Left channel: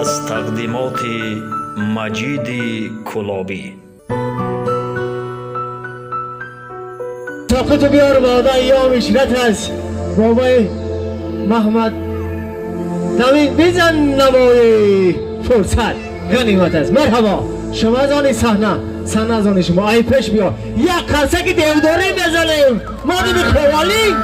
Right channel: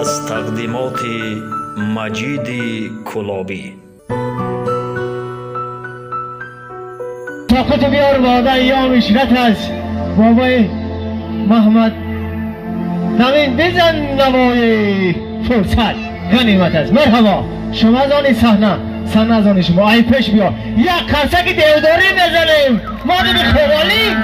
از تقدیمات مجید کلابی. ساقط بیار بادا ایام اشرت از بابای محمد نوین بزن نوای فرصت غنیمت است. مرحبا شما زانی صحنه زانی شما ای پیش بیا یک کرسک دیوداری بزنیم ما دیگه خوالی